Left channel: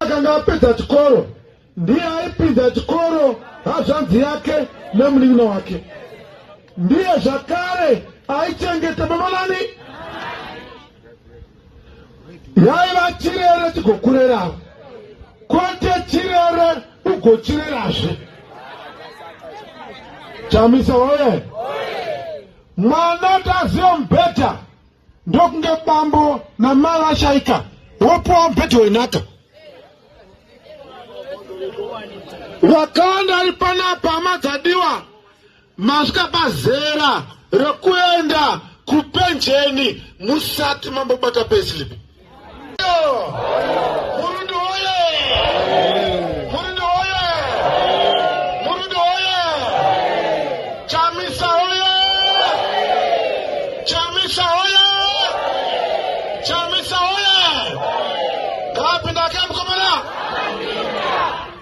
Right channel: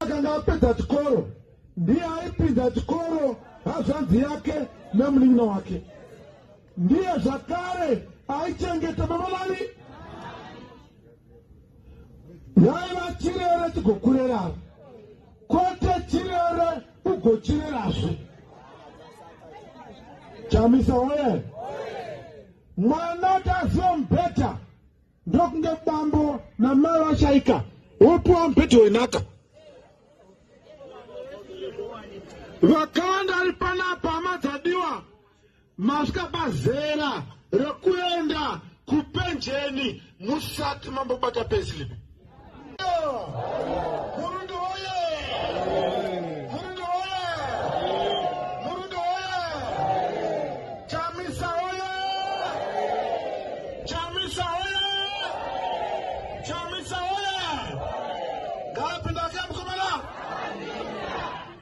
Akapedza chikoro ndiye aipinda chikoro hazvanzi yake nemunin'ina wake, ndiye zvakare aichengeta babalani yaiva chirere chigokurerawo kwete chirere ugochirerazve. Chamisa oye! Mwana taziva mubhedha ndokunge bambo namai vashaika wopuwa mubhedha wenhaka. Vakawanda ari panapa hama dzadiwa, masvika pazera rekuenda kupenjeni musati mambobata payslip. Murundi oye! Murundi oye! Murundi oye! Chamisa oye! Chamisa oye! Chamisa oye! Ngapinda ke mkomana?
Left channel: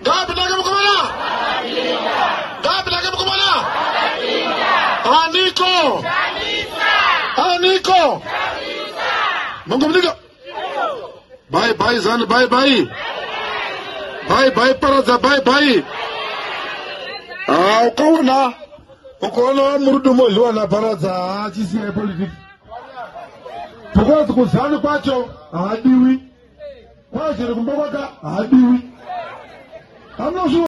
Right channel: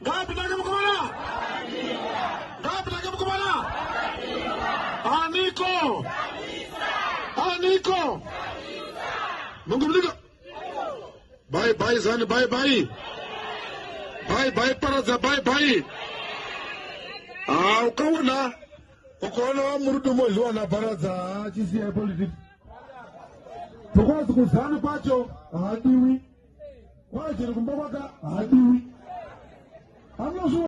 Ngapinda ke mkomana? Ngapinda ke mkomana? Aniko! Aniko! Mangomnika! Bye bye Zan, bye bye. Bye bye Paraza, bye bye. Ukaona murudumo liwana Paraza chisi ya politics. Tukozi kuzani kwacho hadiwi. Kwa chini kumbawaka hadiwi.